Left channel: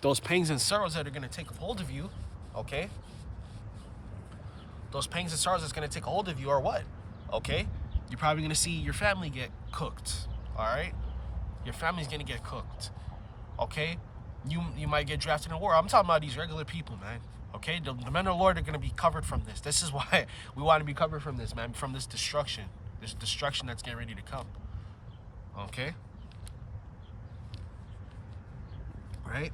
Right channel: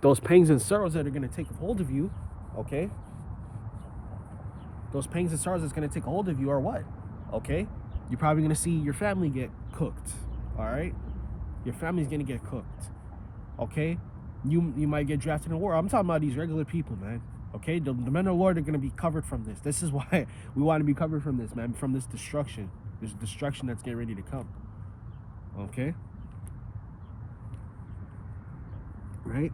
those pangs and sorrows that are going to take a hold of you, okay? Those pangs and sorrows that's going to take a hold of you are what? Okay? You're probably going to see your family get cooked, all right? Your family's going to get cooked, okay? You might get drafted in a war. I'm talking about these regular people, man, okay? The men of the Lord are going to be covered from this. This is why we want to be covered from this, man, from this destruction that's getting ready to come, okay? Right?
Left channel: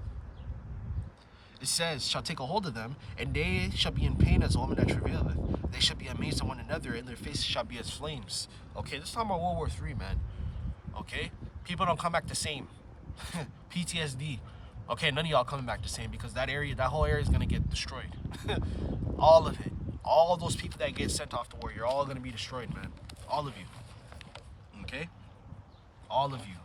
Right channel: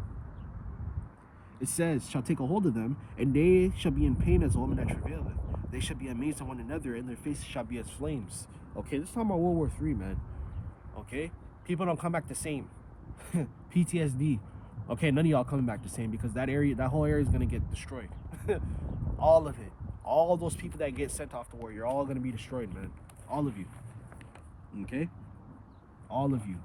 It says, shall take a hold of them, and they shall be in pain as a woman that travaileth. They shall be amazed at one another, and their faces shall be as flames. Okay, this is talking about World War III, man. Okay? People don't come back the same. PTSD. Okay, none of y'all coming back the same, because that whole area is going to get destroyed. All of it. All those people that get sent off to war, you're all going to be destroyed, man. All of you. Okay? All of you.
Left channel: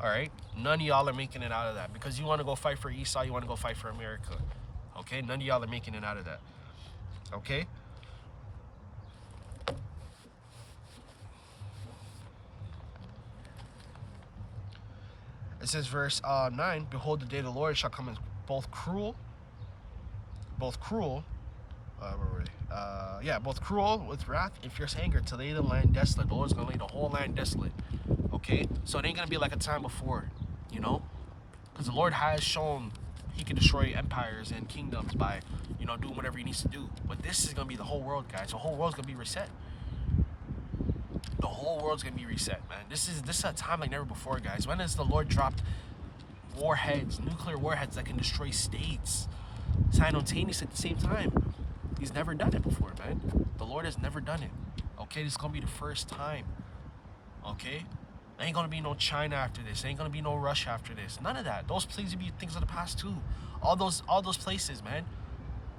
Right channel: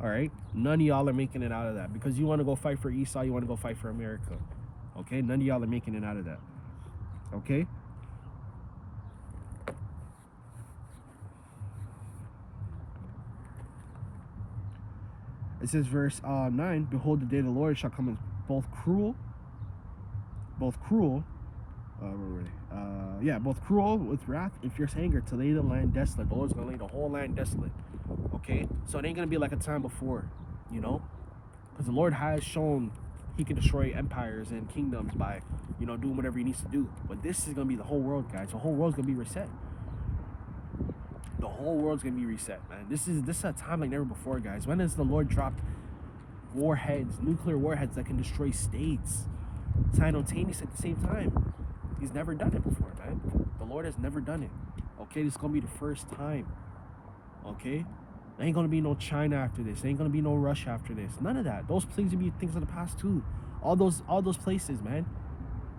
All right, none of y'all are making it out of that, because you want to go fight for Esau, you want to go fight for America. Okay, none of y'all are making it out of that. Okay. It says verse 9, behold, the day of the Lord shall come as both cruel both cruel with wrath and fierce anger to lay the land desolate. The Lord's gonna lay the whole land desolate. Okay, so it ain't gonna be like a time before, you know, because the Lord has shown he can destroy empires and kingdoms by, you know, doing whatever he needs to do. But this is gonna be the whole world, guys. The whole world's gonna be reset. The whole world's gonna be reset, man. This is a time like never before, guys. When has the Lord dropped warheads, nuclear warheads that can destroy states simultaneously at the same time? He's never done it before, man. The Lord has never done it. Okay, this is gonna be the first time. Okay, there ain't gonna be no China after this. There ain't gonna be no Russia after this. None of that. Those places will be things of the past too. All those places, man.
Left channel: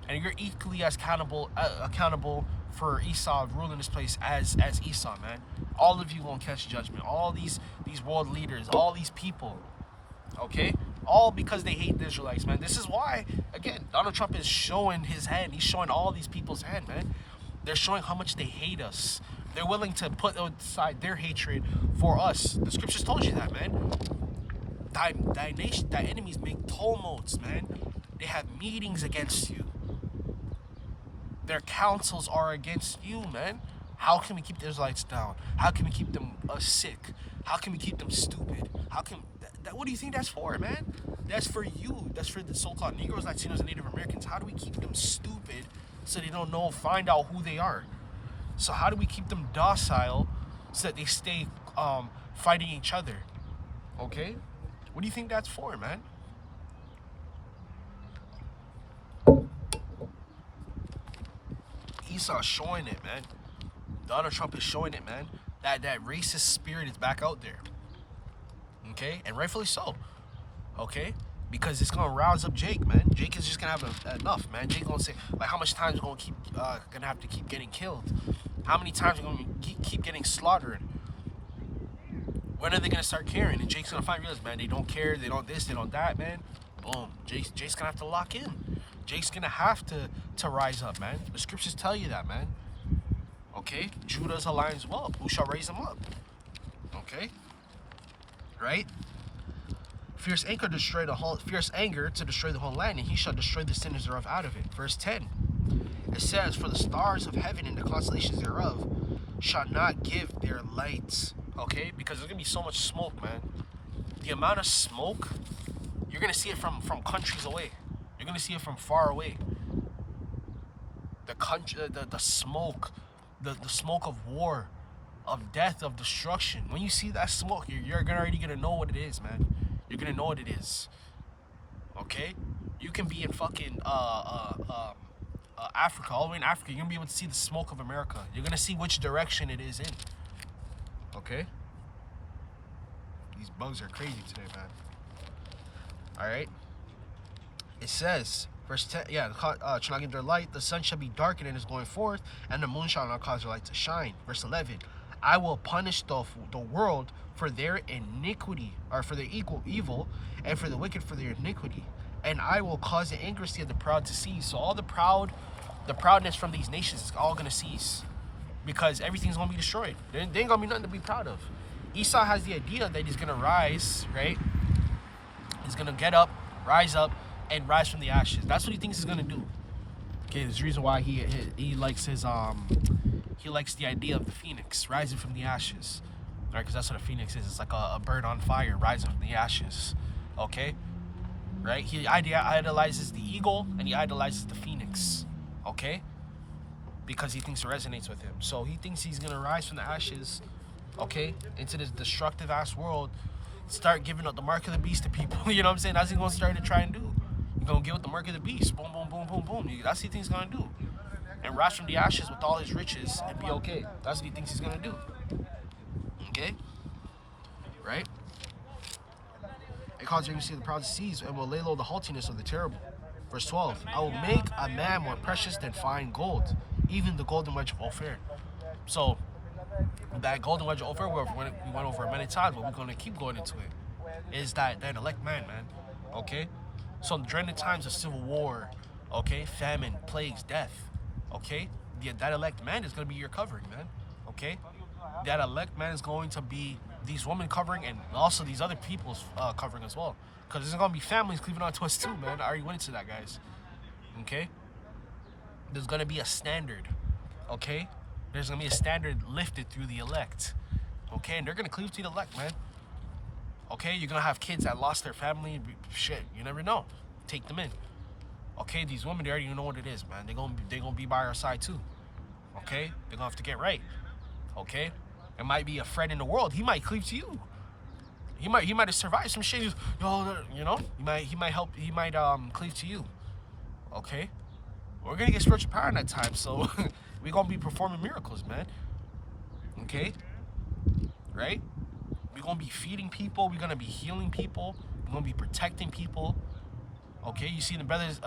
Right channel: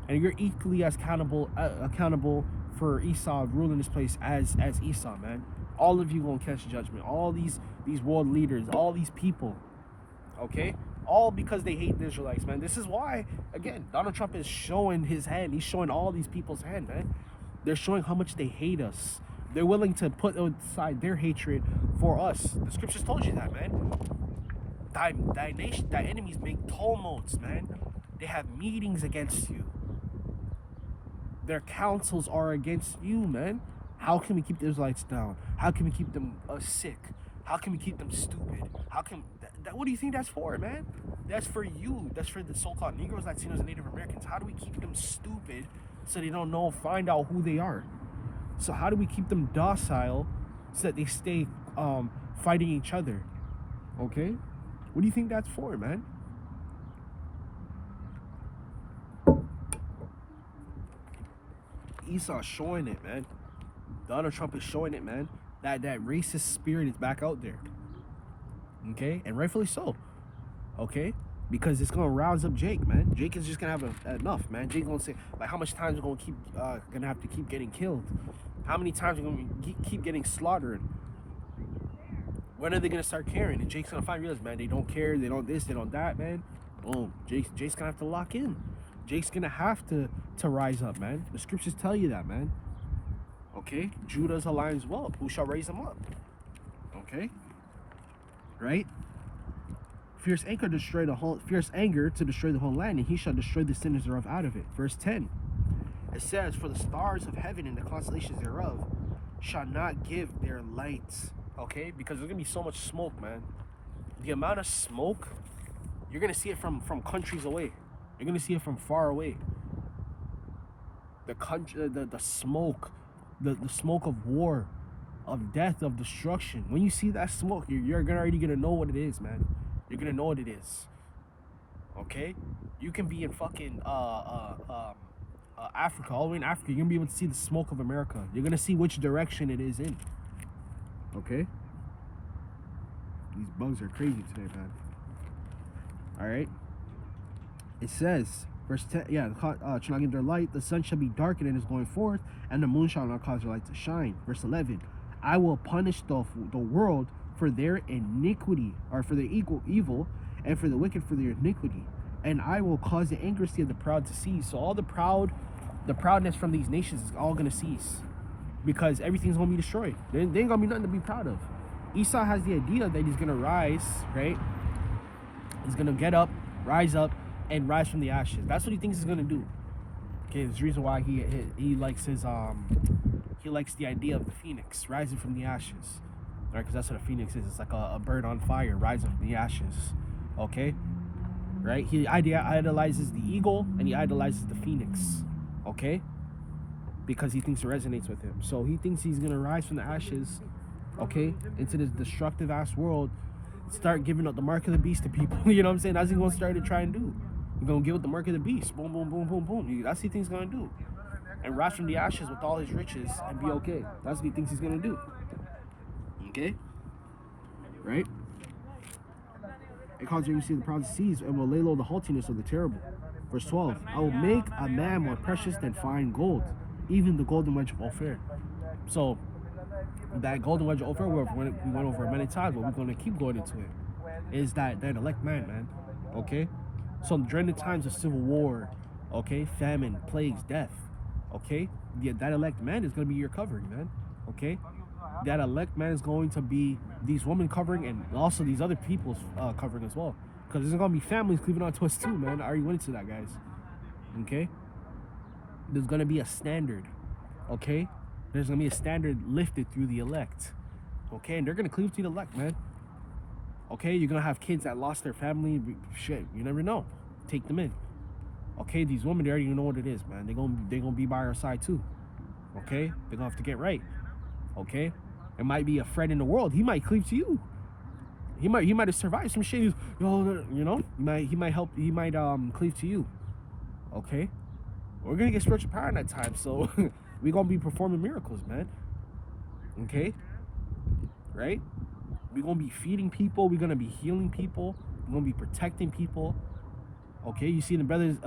And you're equally as accountable for Esau ruling this place as Esau, man. All of you gonna catch judgment. All these world leaders, all these people. Okay, all because they hate the Israelites, man. This is why, again, Donald Trump is showing his hand. He's showing all these people's hand, man. They're showing how much they hate us. They're willing to put aside their hatred for us. The scriptures told you that, man. Thy enemies make tumults, man. They have meetings against you. Their counsels are against you, man. How can we keep the Israelites down? How can we keep them sick? How can we keep them stupid? How can what do you think that's for, man? That's for you. That's for the so-called Negroes, Latinos, and Native Americans. How do we keep them stupid so they don't know, find out who they are? So how do we keep them docile so that they stay fighting each other? Okay? What do you think that's for, man? Esau's showing it, man. Donald Trump is showing it, man. That racist spirit is back out there. Okay? And rightfully so. Okay? Because it's gonna rouse up Jake, man. Jake is just gonna have enough, man. Jake gonna say, like, how much time is gonna have to keep getting killed? How many times are gonna keep getting slaughtered? When are they gonna start caring? And Jake's gonna finally realize, man, they don't care, they don't this, they don't that, man. Boom. Jake's gonna have to lock in. Jake's gonna have to rise up, man. The scriptures tell you that, man. Okay? Judah's a lion's whelp. Who shall raise him up? Okay? Right? Fierce anger to destroy the whole land, and he shall destroy the sinners thereof out of it. Verse 10. It says, for the stars of heaven and the constellations thereof shall not give their lights. Okay? Because there's gonna be so much smoke, man. The amount of smoke, you're gonna see it from countries away. You're gonna see it from far away. The smoke, the smoke of war, of death, of destruction. When you see that smoke, you're already gonna know what it is, man. You're gonna know what it is. Okay? You can be in fucking Africa, all the way in Africa. You're gonna be able to see the smoke of America. You're gonna see which direction it is in. Okay? These bugs are crazy today, man. Alright? It says, verse 10, shall not give their light, the sun shall be darkened and is going forth, and the moon shall not cause their light to shine. Verse 11, I will punish the world for their iniquity, or for their evil, and for the wicked for their iniquity. And I will cause the anguish of the proud to cease. So all the proudness from these nations is all going to cease. Because everything's going to be destroyed. There ain't going to be nothing to be proud of. Esau has the idea that he's going to rise, right? He's going to get up, rise up and rise from the ashes. That's what he thinks he's gonna do. Okay, there's a reason why he likes his he likes the idea of the phoenix rising from the ashes, right? Because that's what a phoenix is. It's like a bird on fire rising from the ashes. Okay, right? He idolizes the eagle and he idolizes the phoenix. Okay, because he thinks it resonates with him. So he thinks he's gonna rise from the ashes, okay, into this destructive ass world, start giving up the mark of the beast to people. You know what I'm saying? That's what he's gonna start to try and do. He's gonna give up the mark of the beast. Boom, boom, boom, boom, boom. That's what he thinks he's gonna do. And rise from the ashes with all his riches and be okay. That's what he thinks he's gonna do. Okay? Right? It causes you to see the proud seas and will lay low the haughtiness of the terrible. Verse 12, I will make a man more precious than fine gold, even the golden wedge of Ophir. So, that golden wedge of Ophir, we went over it many times, but we're going to keep going into it, is that elect man, okay? So, during the times of civil war, okay, famine, plagues, death, okay, that elect man is going to be your covering, man, okay? That elect man is going to be these women covering and also these other people's covering as well. Because there's going to be families cleaving onto us too, man. I already went into that, guys. Okay? There's going to be a standard. Okay? There's going to be a standard lifted through the elect. Okay? And they're going to cleave to the elect, man. Okay? You're going to have kids that lost their family. Shit, you never know. Take them in. Okay? These women, they already know what it is, man. They're gonna be by our side too. Okay? They're going to have to get right. Okay? It might be a friend in the world. He might cleave to you. He might have survived some shit. Yo, you know, he might help. He might cleave to you. Okay, we're gonna get spiritual power in that time, so we're gonna be performing miracles, man. Okay, right? We're gonna be feeding people. We're gonna be healing people. We're gonna be protecting people. Okay, you see the brothers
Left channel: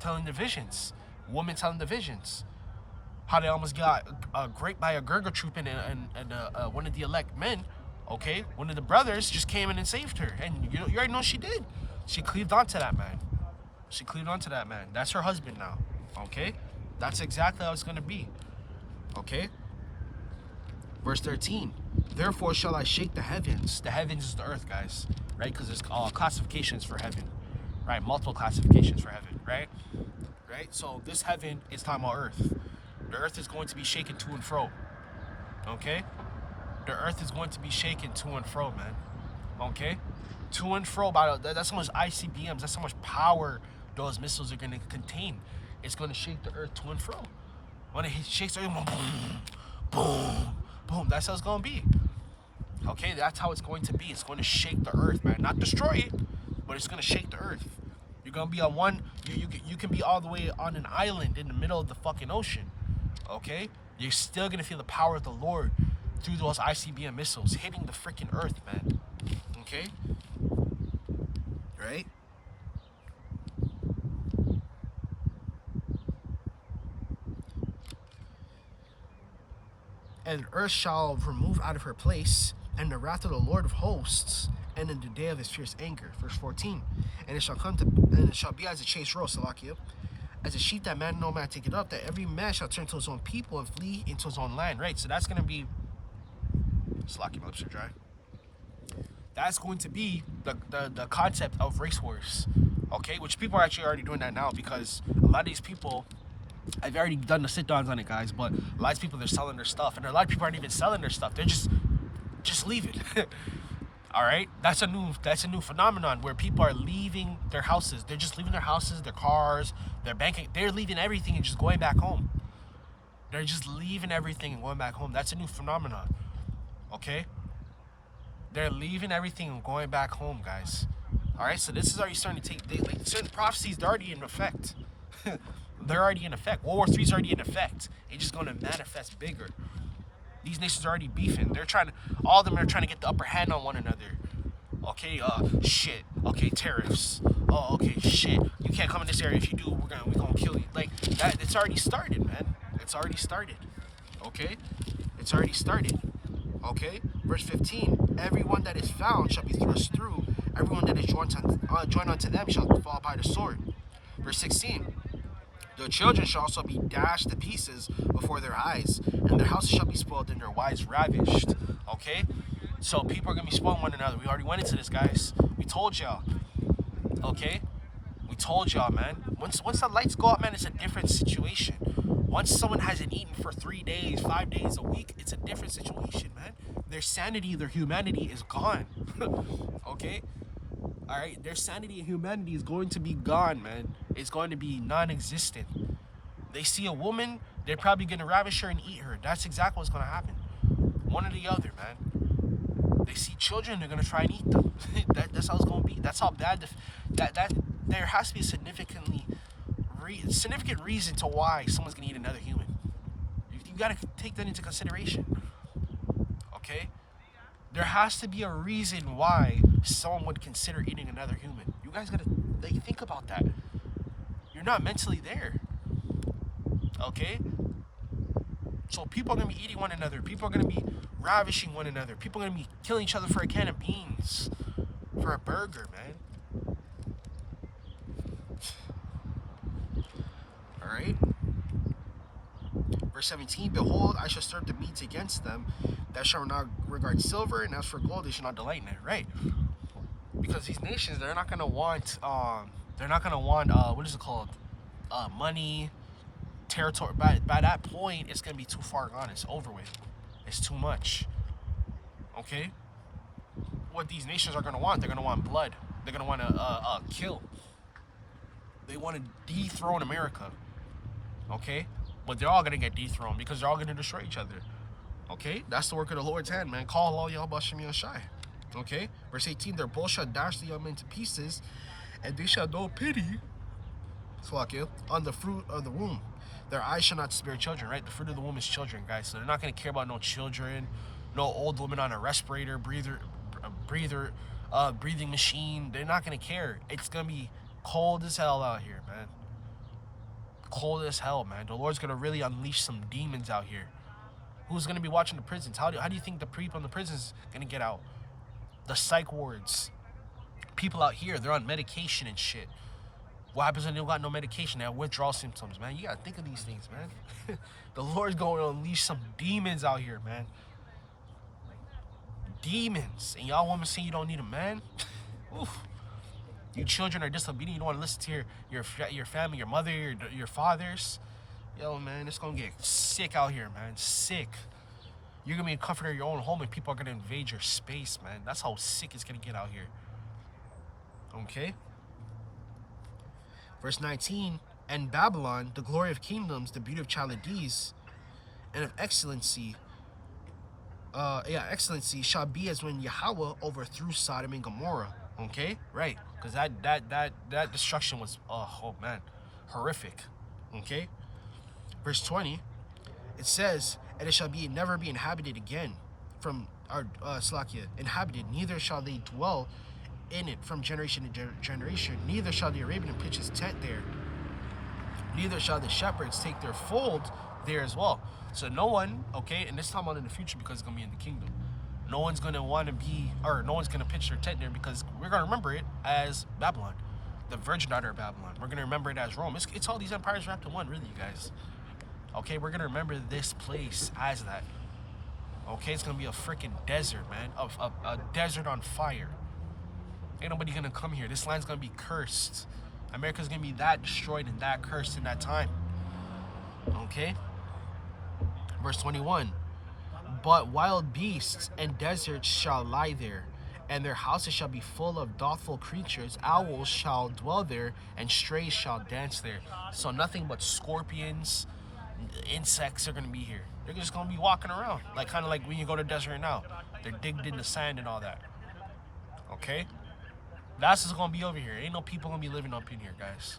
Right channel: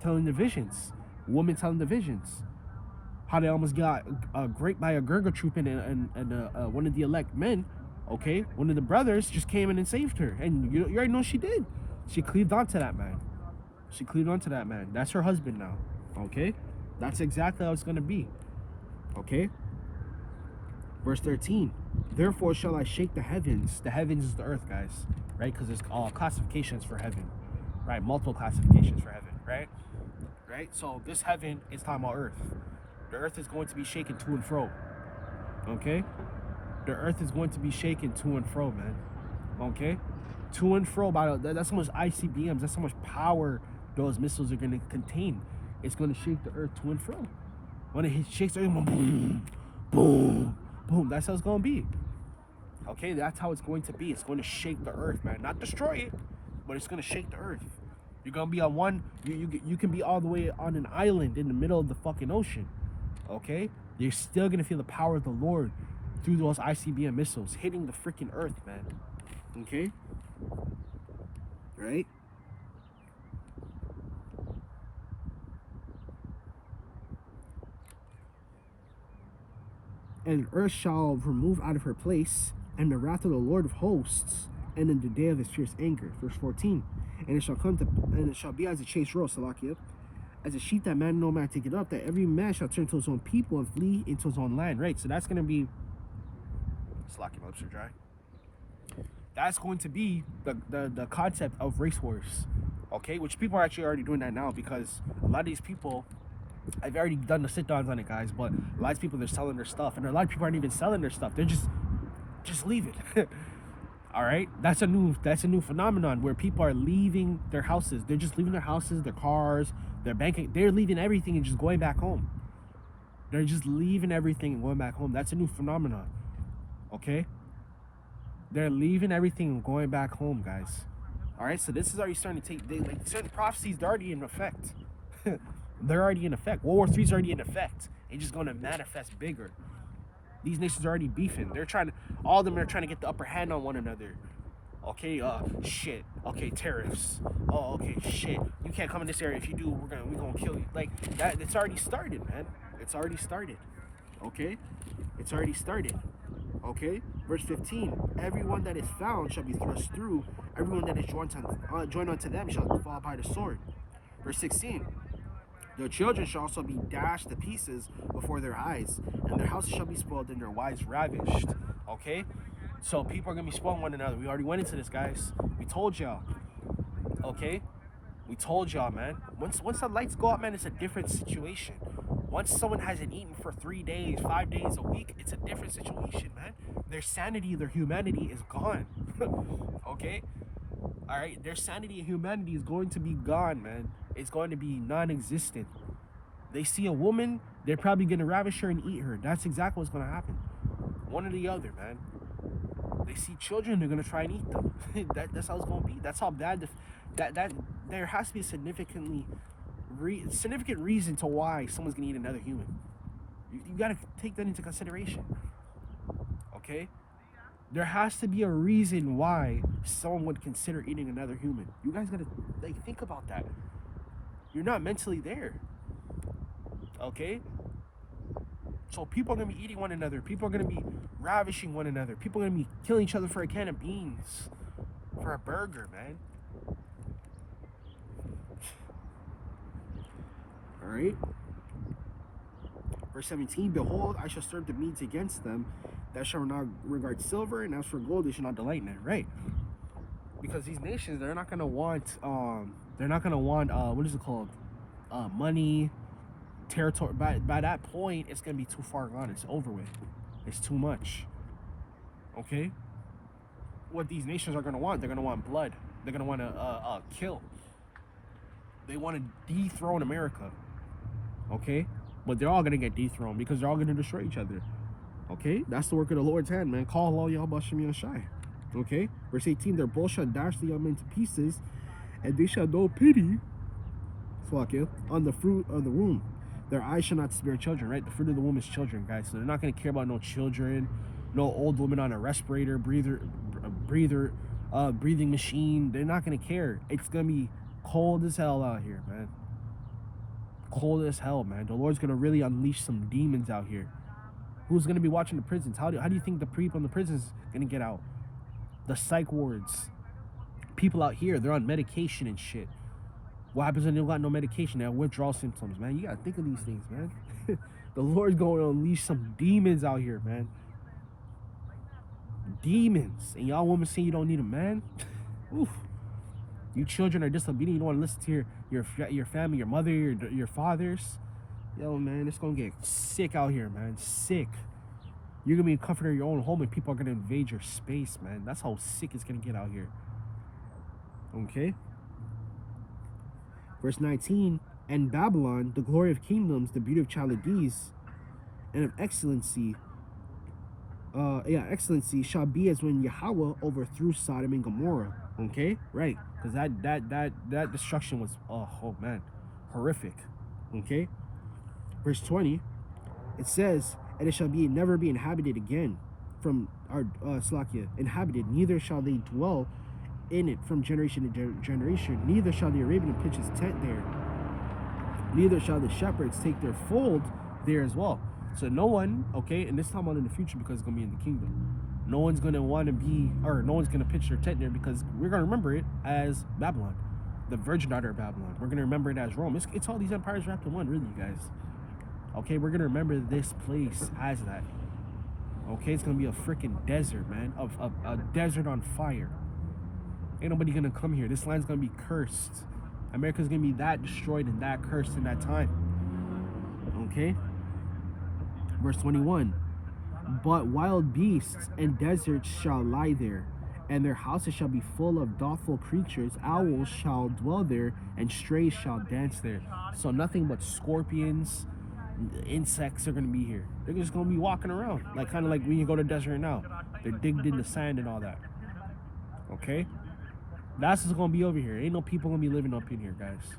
telling the visions, women telling the visions, how they almost got raped by a Gurga troop and one of the elect men. Okay, one of the brothers just came in and saved her, and you already know she did. She cleaved onto that man. She cleaved onto that man. That's her husband now. Okay, that's exactly how it's gonna be. Okay. Verse 13. Therefore shall I shake the heavens. The heavens is the earth, guys. Right? Because there's classifications for heaven. Right? Multiple classifications for heaven. Right? Right. So this heaven is talking about earth. The earth is going to be shaken to and fro. Okay. The earth is going to be shaken to and fro, man. Okay? To and fro. That's how much ICBMs, that's how much power those missiles are going to contain. It's going to shake the earth to and fro. When it shakes the earth, boom, boom, boom. That's how it's going to be. Okay? That's how it's going to be. It's going to shake the earth, man. Not destroy it, but it's going to shake the earth. You're going to be on one, you can be all the way on an island in the middle of the fucking ocean. Okay? You're still going to feel the power of the Lord through those ICBM missiles hitting the freaking earth, man. Okay? Right? And earth shall remove out of her place, and the wrath of the Lord of hosts, and in the day of his fierce anger. Verse 14. And it shall be as a chased roe, Salakia, as a sheep that man no man take it up, that every man shall turn to his own people and flee into his own land. Right? So that's gonna be Slacky, my lips are dry. That's going to be the concept of race wars, okay? Which people are actually already doing that now, because a lot of these people, I've already done the sit-downs on it, guys, but a lot of people, they're selling their stuff, and a lot of people aren't even selling their stuff. They're just leaving. All right? That's a new phenomenon where people are leaving their houses. They're just leaving their houses, their cars, their banking. They're leaving everything and just going back home. They're just leaving everything and going back home. That's a new phenomenon. Okay, they're leaving everything and going back home, guys. All right, so this is already starting to take certain prophecies. They're already in effect. They're already in effect. World War III is already in effect. It's just going to manifest bigger. These nations are already beefing. All of them are trying to get the upper hand on one another. Okay, shit. Okay, tariffs. Oh, okay, shit. You can't come in this area. If you do, we're gonna kill you. Like that. It's already started, man. It's already started. Okay, it's already started. Okay, verse 15. Everyone that is found shall be thrust through. Everyone that is joined unto them shall fall by the sword. Verse 16. The children shall also be dashed to pieces before their eyes, and their houses shall be spoiled, and their wives ravished. Okay, so people are gonna be spoiling one another. We already went into this, guys. We told y'all. Okay, We told y'all, man. Once the lights go out, man, it's a different situation. Once someone hasn't eaten for 3 days, 5 days a week, it's a different situation, man. Their sanity, their humanity is gone. Okay? Alright? Their sanity and humanity is going to be gone, man. It's going to be non-existent. They see a woman, they're probably going to ravish her and eat her. That's exactly what's going to happen. One or the other, man. They see children, they're going to try and eat them. That's how it's going to be. That's how bad there has to be a significant reason to why someone's going to eat another human. You got to take that into consideration. Okay? There has to be a reason why someone would consider eating another human. You guys got to think about that. You're not mentally there. Okay? So people are going to be eating one another. People are going to be ravishing one another. People are going to be killing each other for a can of beans. For a burger, man. Alright? Verse 17, behold, I shall serve the Medes against them, that shall not regard silver, and as for gold, they shall not delight in it. Right? Because these nations, they're not gonna want what is it called? Money, territory. By that point, it's gonna be too far gone. It's over with. It's too much. Okay? What these nations are gonna want, they're gonna want blood. They're gonna want to kill. They want to dethrone America. Okay? But they're all gonna get dethroned because they're all gonna destroy each other. Okay? That's the work of the Lord's hand, man. Call Allah Yahawashi. Okay? Verse 18, their bow shall dash the young men to pieces, and they shall know pity on the fruit of the womb. Their eyes shall not spare children, right? The fruit of the womb is children, guys. So they're not gonna care about no children, no old woman on a respirator, breathing machine. They're not gonna care. It's gonna be cold as hell out here, man. Cold as hell, man. The Lord's gonna really unleash some demons out here. Who's gonna be watching the prisons? How do you think the people in the prisons gonna get out? The psych wards. People out here, they're on medication and shit. What happens when they don't got no medication? They have withdrawal symptoms, man. You gotta think of these things, man. The Lord's going to unleash some demons out here, man. Demons. And y'all women say you don't need a man? Oof. You children are disobedient. You don't want to listen to your family, your mother, your fathers. Yo, man, it's gonna get sick out here, man. Sick. You're gonna be in comfort of your own home, and people are gonna invade your space, man. That's how sick it's gonna get out here. Okay. Verse 19, and Babylon, the glory of kingdoms, the beauty of Chaldees, and of excellency, excellency shall be as when Yahawah overthrew Sodom and Gomorrah. Okay, right? Because that destruction was, oh man, horrific. Okay. Verse 20, it says, and it shall be never be inhabited again from inhabited, neither shall they dwell in it from generation to generation, neither shall the Arabian pitch his tent there, neither shall the shepherds take their fold there as well. So no one, okay, and this time on in the future, because it's gonna be in the kingdom, no one's gonna want to be, or no one's gonna pitch their tent there, because we're gonna remember it as Babylon, the virgin daughter of Babylon. We're gonna remember it as Rome. It's all these empires wrapped in one, really, you guys. Okay, we're gonna remember this place as that. Okay, it's gonna be a freaking desert, man, a desert on fire. Ain't nobody gonna come here. This land's gonna be cursed. America's gonna be that destroyed and that cursed in that time. Okay? Verse 21. But wild beasts and deserts shall lie there, and their houses shall be full of doubtful creatures. Owls shall dwell there, and strays shall dance there. So nothing but scorpions, insects are gonna be here. They're just gonna be walking around, like kind of like when you go to the desert now. They're digged in the sand and all that. Okay? That's what's gonna be over here. Ain't no people gonna be living up in here, guys.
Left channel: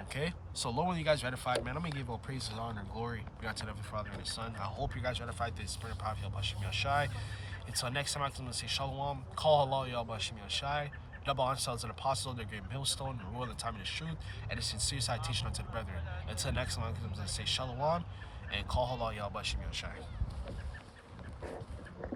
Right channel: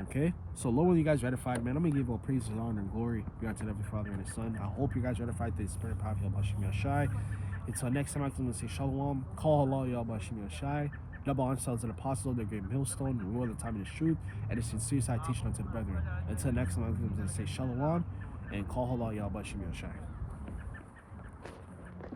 Okay? So Lord, when you guys ratified, man, I'm gonna give all praises, honor, and glory. We got to the Father and the Son. I hope you guys ratified this prayer, Prophet Yahawashi Yashai. Until next time, I'm gonna say Shalom. Call Allah Yahawashi Yashai. Double ourselves an apostle, their great millstone, the rule of the time of the truth, and a sincere citation unto the brethren. Until next time, I'm gonna say Shalom and call Allah Yahawashi Yashai.